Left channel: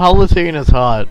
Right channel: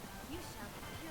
Palpatine is hot.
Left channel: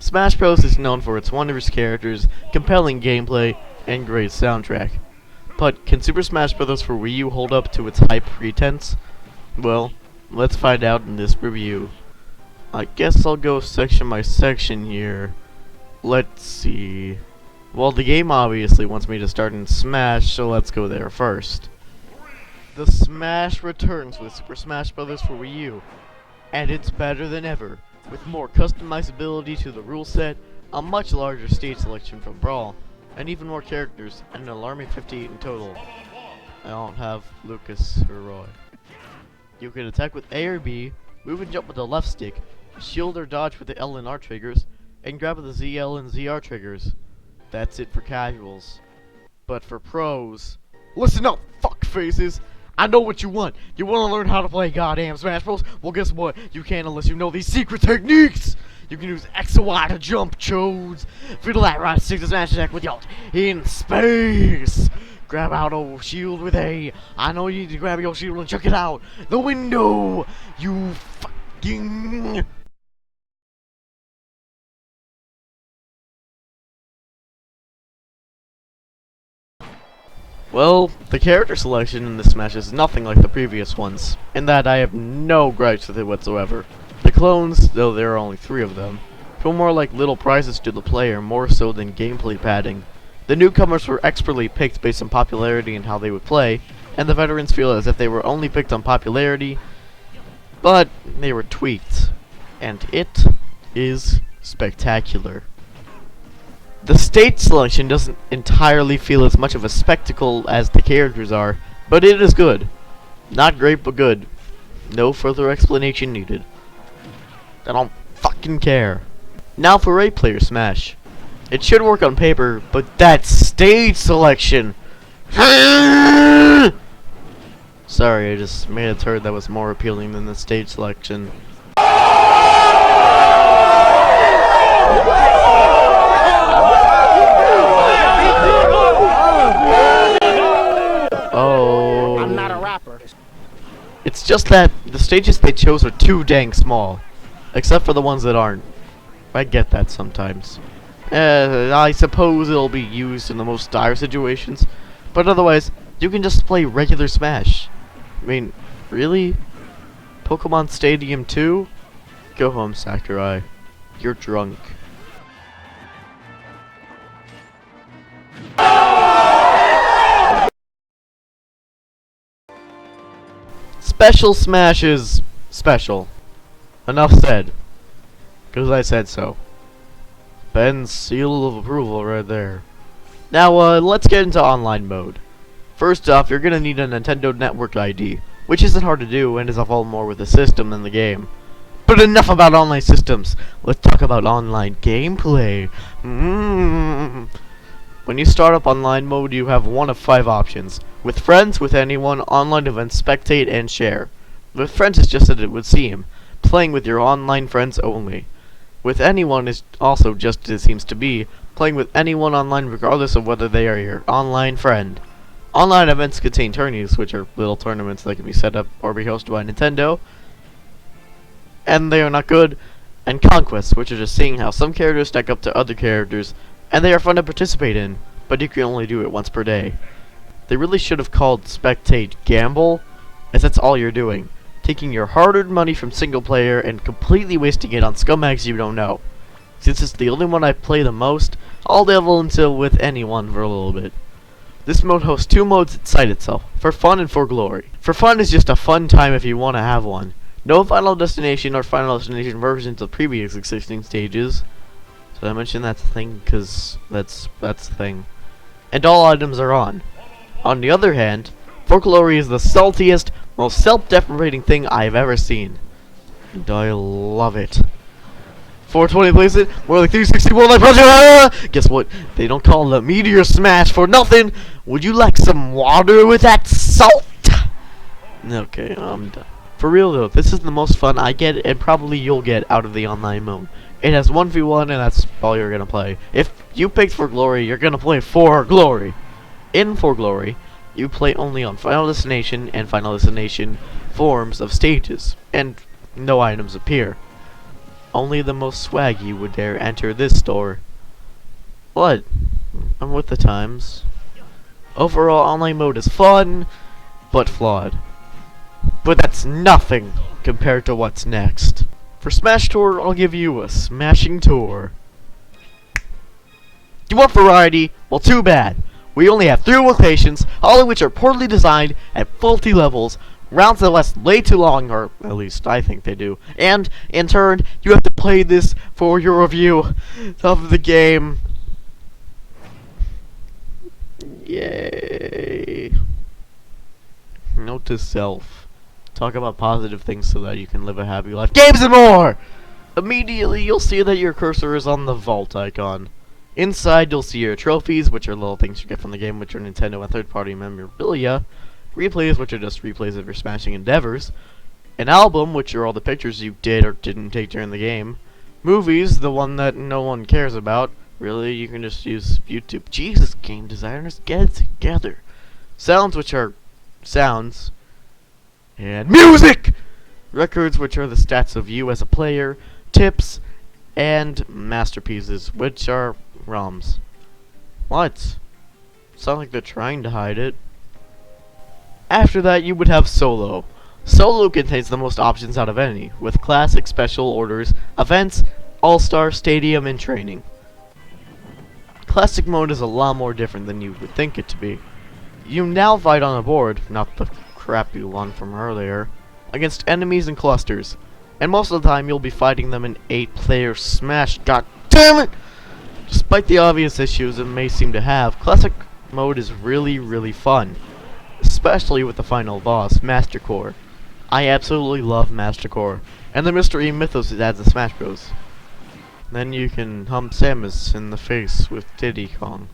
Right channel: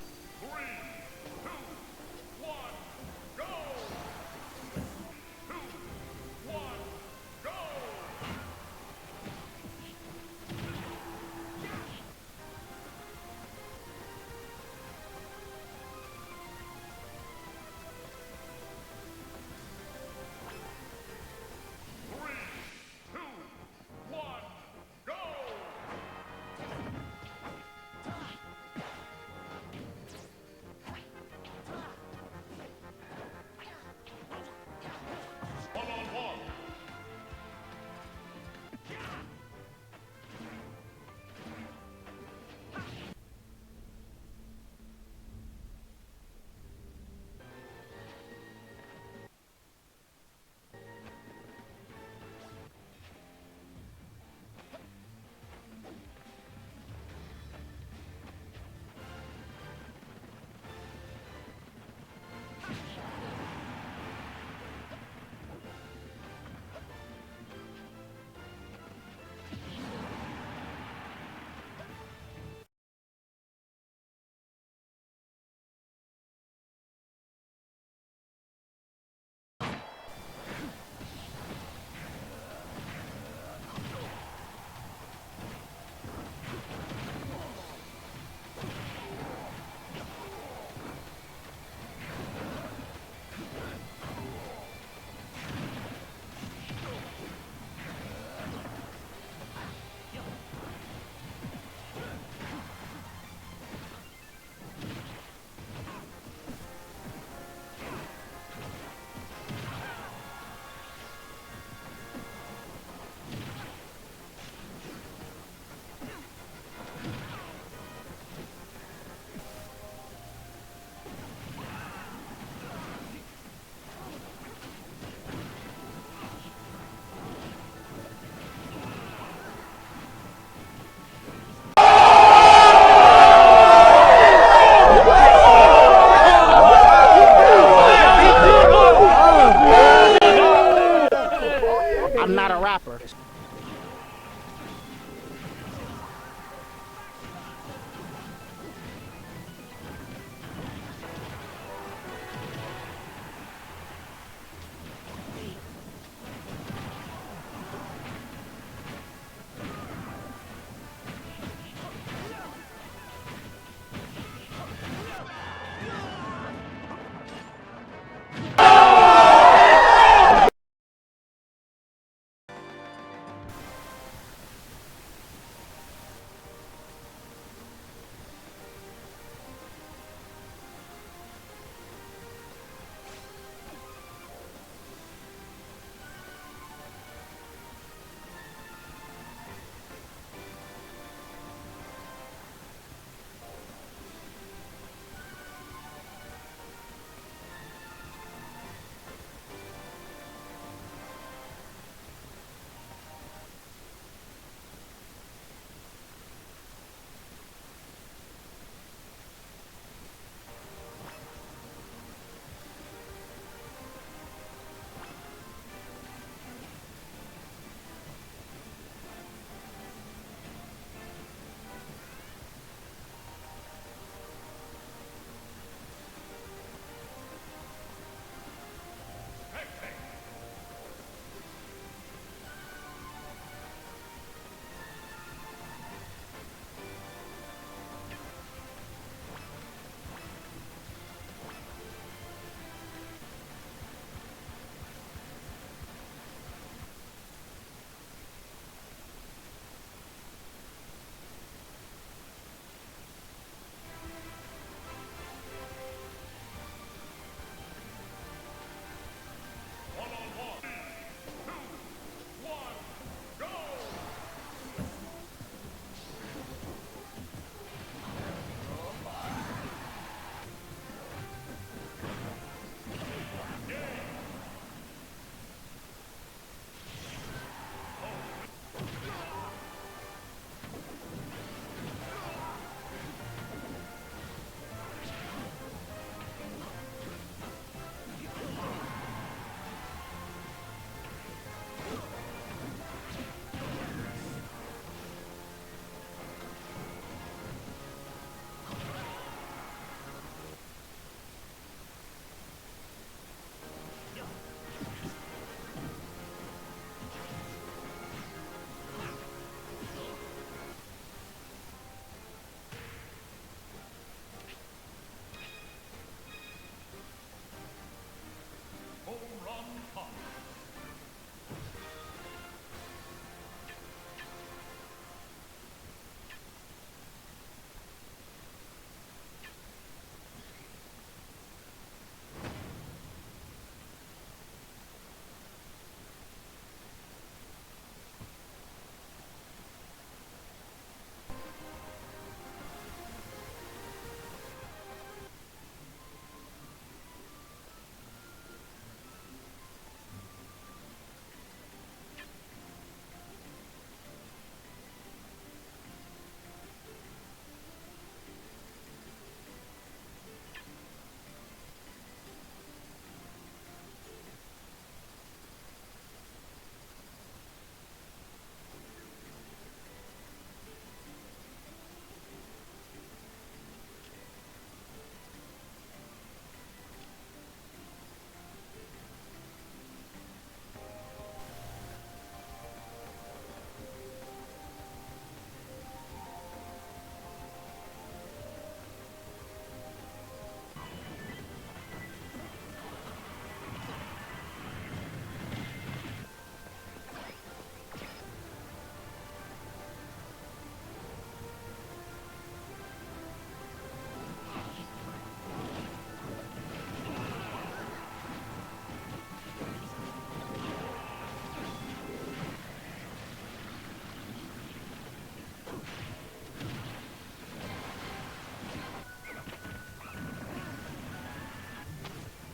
Smash Bros. Is known for its wondrous characters, compelling gameplay, and great soundtrack. But can Super Smash Bros. For Wii U hold up to its hype pretense? Well, let's find out in this review. I guess I'll go section by section here. Let's see. Well, the game obviously wants me to start in Smash, so let's go there first. The Smash returns with Super Smash Bros. For Wii U, and it's better than ever. With more customizability to the rule set, a much larger stage selection for Brawl, and even more characters, and an alarming 58 in total. I don't have Lucas or Roy. You can attack with A or B, move and jump with the left stick, shield or dodge with the L and R triggers, and grab with the ZL and ZR triggers. That's it for casuals. But for pros, listen up, fuck faces! I know what you want. You want to learn how to play goddamn Smash Bros? Well, guess what? You can't unless you know these secret techniques. You can use X and Y to jump, chodes. Fiddle that right stick to smash attack with y'all in space. Grab out old shield with A. I know you need to grab your shield and check it out. The window. You fucking. Well, the character selection in this Smash is nothing like the previous ones, in that I have no gripes with it whatsoever. The clones, though there are only 3 of them, feel more like little prizes to the player more so than gameplay padding. The newcomers were expertly picked based on popularity and how they would play, and the veterans feel as if they were only picked on popularity, but they were tweaked, and it is spectacular. The stage selection doesn't entirely feel as much of a spectacle as the characters are, but it is good. Not great, but good. No further explanation needed. I don't fucking care. Now for 8-player Smash. It should work on paper, but that stage selection! Sorry, I just made a turd that was more appealing than the stage selection. It's just that the stages they chose are too dang small. Except for the ones that aren't. I get that sometimes. I suppose it'll be used in the most dire situations. But otherwise, you can just play regular Smash. I mean, really? Pokemon Stadium 2? Go home, Sakurai. You're drunk. Special Smash is special. Enough said. Because I said so. Ben's seal of approval right there. Now, let's get into online mode. First off, you're gonna need a Nintendo Network ID, which isn't hard to do and is involved more with the system than the game. But enough about online systems. Let's talk about online gameplay. When you start up online mode, you have one of 5 options. With friends, with anyone, online events, spectate, and share. With friends is just as it would seem, playing with your online friends only. With anyone is also just as it seems to be, playing with anyone online regardless of whether they are your online friend. Online events contain tourneys, which are little tournaments that can be set up or be hosted by Nintendo, and they are not good, and conquests, which are just seeing how some characters stack up to other characters, and they are fun to participate in, but you can only do it once per day. They really should have called Spectate Gamble, as that's all you're doing. Taking your hard-earned money from single player and completely wasting it on scumbags you don't know. Since it's the only one I play the most, I'll delve into with anyone for a little bit. This mode hosts 2 modes inside itself, for fun and for glory. For fun is just a fun time if you want to have one. No Final Destination or Final Destination versions of previous existing stages. Did I mention that's the thing? Because that's the thing. And all items are on. On the other hand, For Glory is the saltiest, most self-deprecating thing I've ever seen. And I love it. 420 plays it. More like 360. More like punch. Guess what? They don't call it a meteor smash for nothing. Would you like some water with that salt? Okay, for real though, this is the most fun I get, and probably you'll get out of the online mode. It has 1v1, and that's all you're gonna play. If you picked for glory, you're gonna play for glory. In For Glory, you play only on Final Destination and Final Destination forms of stages, and no items appear. Only the most swaggy would dare enter this store. What? I'm with the times. Overall, online mode is fun, but flawed. But that's nothing compared to what's next. For Smash Tour, I'll give you a smashing tour. You want variety? Well, too bad. We only have 3 locations, all of which are poorly designed at faulty levels, rounds that last way too long, or at least I think they do. And, in turn, you have to play this for your review of the game. Yay. Note to self. Talk about positive things so that you can live a happy life. Games and more! Immediately, you'll see that your cursor is on the vault icon. Inside, you'll see your trophies, which are little things you get from the game, which are Nintendo and third-party memorabilia. Replays, which are just replays of your smashing endeavors. An album, which are all the pictures you did or didn't take during the game. Movies, the one that no one cares about. Really, you can just use YouTube. Jesus, game designers, get it together. Sounds, which are sounds. And music! Records, which are the stats of you as a player. Tips. And masterpieces, which are ROMs. What? Sound like they're trying to hide it. After that, you would have Solo. Solo contains the most options out of any, with classic, special orders, events, all-star, stadium, and training. Classic mode is a lot more different than you would think it to be. You now fight on a board, not the crappy one from earlier, against enemies in clusters. And most of the time, you'll be fighting them in 8-player Smash. God damn it! Despite the obvious issues it may seem to have, Classic mode is really, really fun. Especially with the final boss, Master Core. I absolutely love Master Core. And the mystery and mythos it adds to Smash Bros. Then you can hump Samus in the face with Diddy Kong.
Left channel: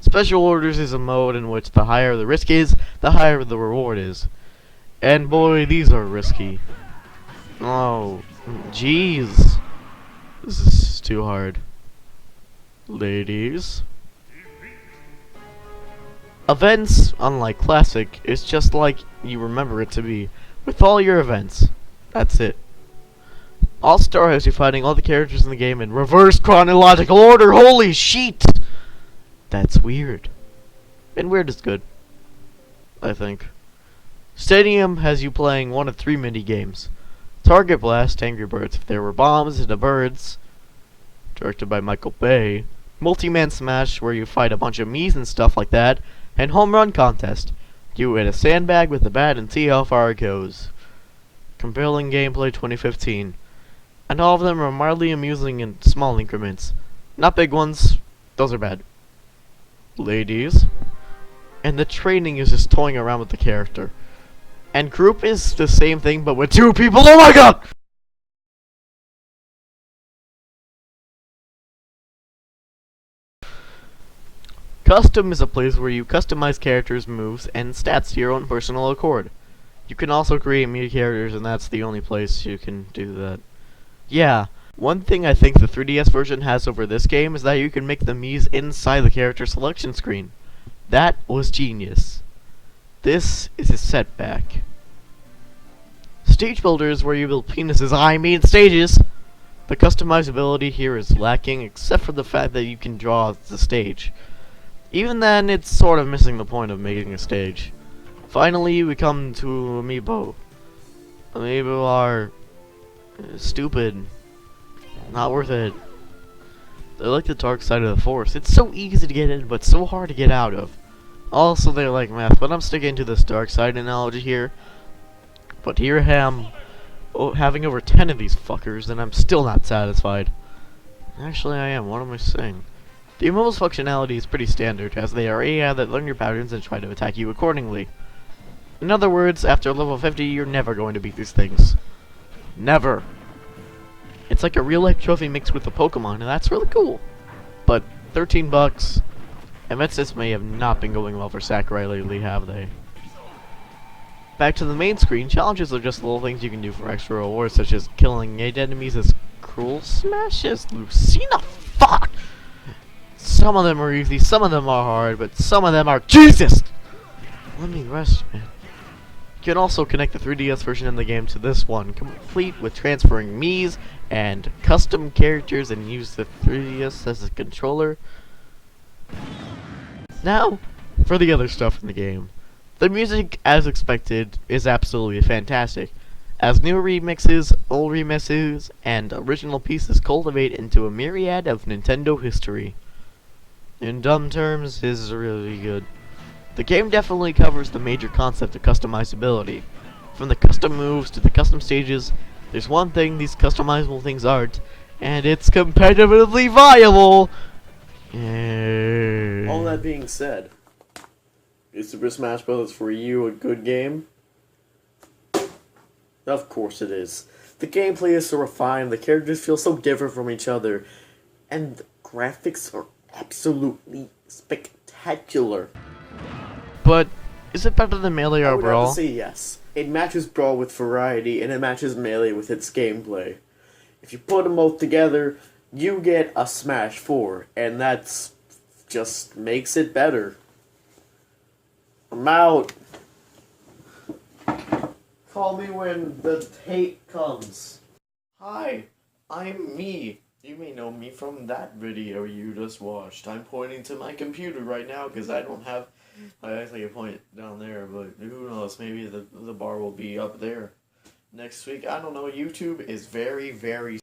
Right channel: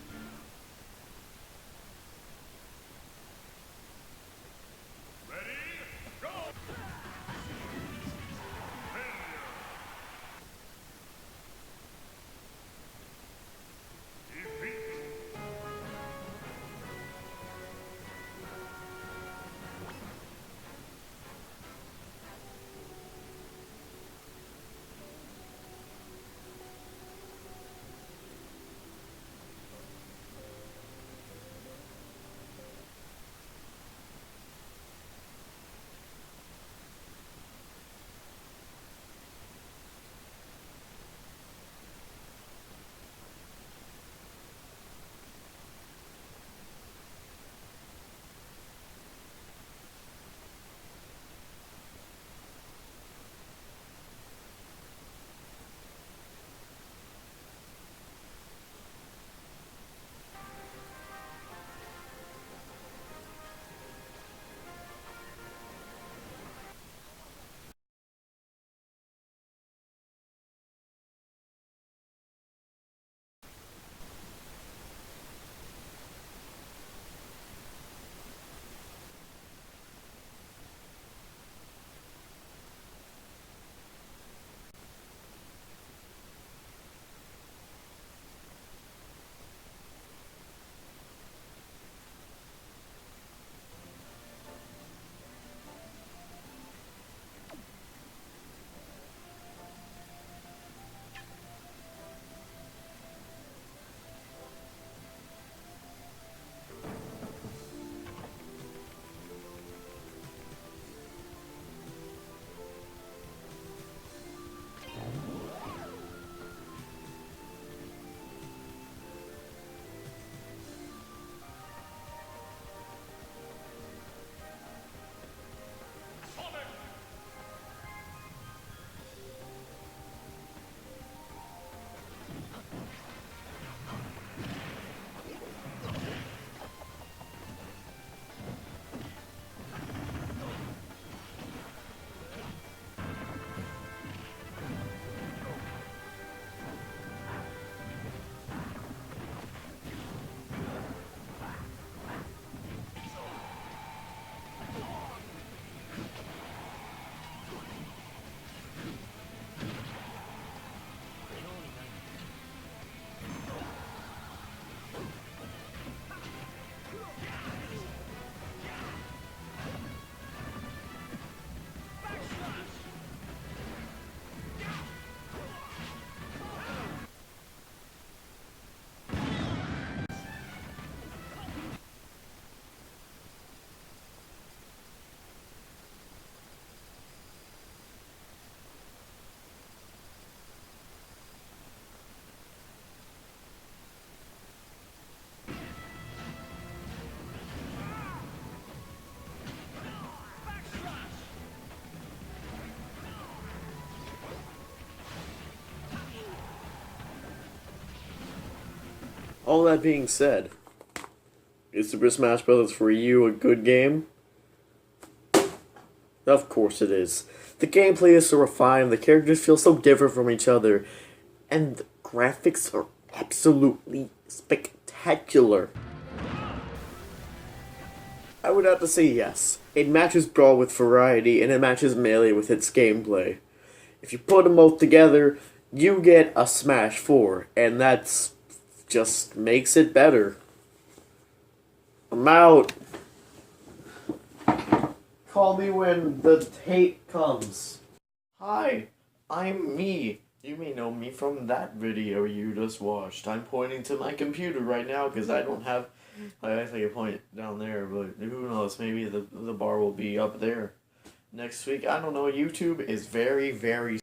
Special Orders is a mode in which the higher the risk is, the higher the reward is. And boy, these are risky. Oh, jeez. This is too hard. Ladies. Events, unlike Classic, is just like you remember it to be. With all your events. That's it. All-Star has you fighting all the characters in the game in reverse chronological order. Holy shit! That's weird. And weird is good, I think. Stadium has you playing one of 3 mini-games. Target Blast, Angry Birds If There Were Bombs in the Birds, directed by Michael Bay. Multi-Man Smash, where you fight a bunch of Miis and stuff like that. And Home Run Contest. You hit a sandbag with a bat and see how far it goes. Compelling Gameplay 2015. And all of them are mildly amusing in small increments. Not big ones, those are bad. Ladies. And the training is just toying around with the character. And group is the same thing, but with 2 people. Oh my god! Custom is a place where you customize characters, moves, and stats to your own personal accord. You can also create media characters, and that's the only place you can do that. Yeah, one thing I think the 3DS version has over this game is that you can make the Miis inside the character selection screen. That was genius. This is a setback. Stage Builder is where you build penises, I mean stages! The customizability here is lacking, except for the fact that you can draw the stage. Even then, it's sort of missing the point of making a stage. Finally, we come to Amiibo. Amiibo are stupid. Not worth it. They're like the dark side of the force. It's so easy to get in, but so hard to get out of. Also, they're like math, but I'm sticking to this dark side analogy here. But here I am, having over 10 of these fuckers, and I'm still not satisfied. Actually, I am. What am I saying? The Amiibo's functionality is pretty standard, as they are AI that learn your patterns and try to attack you accordingly. In other words, after level 50, you're never going to beat these things. Never. It's like a real life trophy mixed with a Pokemon, and that's really cool. But 13 bucks, event systems may have not been going well for Sakurai lately, have they? Back to the main screen, challenges are just little things you can do for extra rewards, such as killing 8 enemies as cruel smashes. Lucina, fuck! Some of them are easy, some of them are hard, but some of them are Jesus! Let me rest. You can also connect the 3DS version of the game to this one, complete with transferring Miis and custom characters, and use the 3DS as a controller. Now, for the other stuff in the game. The music, as expected, is absolutely fantastic, as new remixes, old remixes, and original pieces cultivate into a myriad of Nintendo history. In dumb terms, is really good. The game definitely covers the major concept of customizability. From the custom moves to the custom stages, there's one thing these customizable things aren't, and it's competitively viable! All that being said, is Super Smash Bros. For you a good game? Of course it is. The gameplay is so refined, the characters feel so different from each other, and the graphics are absolutely spectacular. But, is it better than Melee I would overall? have to say yes. It matches Brawl with variety, and it matches Melee with its gameplay. If you put them both together, you get a Smash 4, and that's just makes it better. I'm out. Call me when the hate comes. Hi, I'm me. You may know me from that video you just watched. I'm pointing to my computer right now because I don't have... I can point down there, but who knows, maybe the bar will be up there next week. I don't know, YouTube is very, very...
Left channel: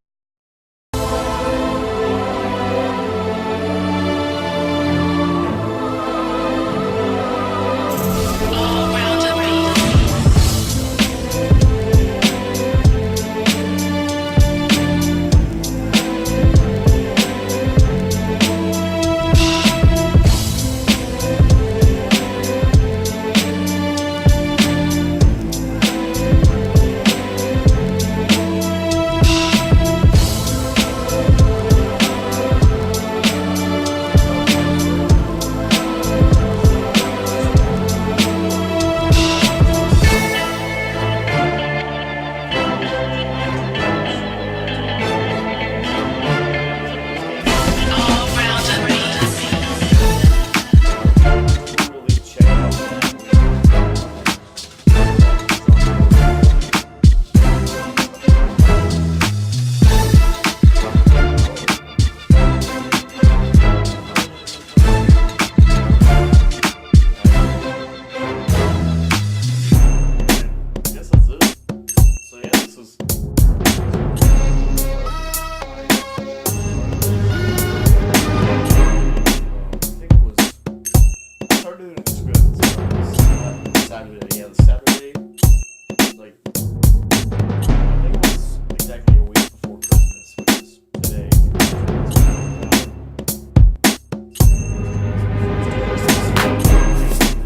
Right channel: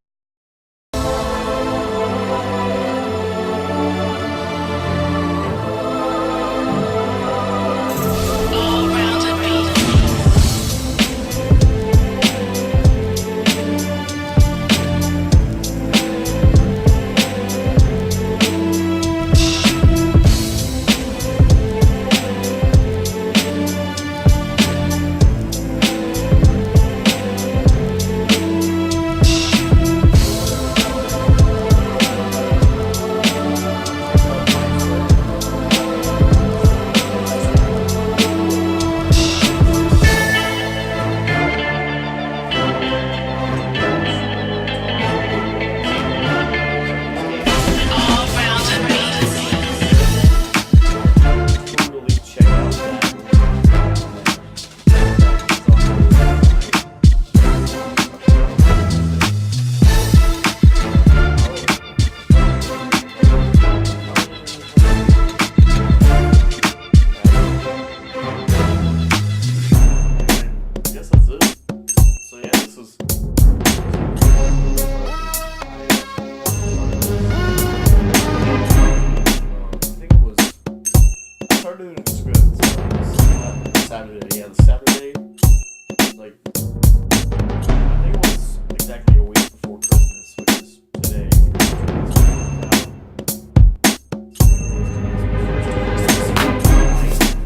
Saturday, like, I think it was exactly a week before Christmas, which is today.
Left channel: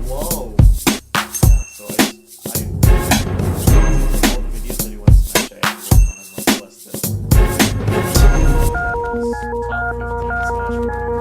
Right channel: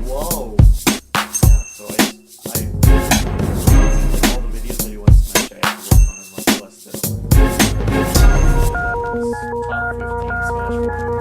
Whoa! Yeah, so I all the videos that he went to Smash, I had to work on in like less than a month. That was top 15 Smash videos.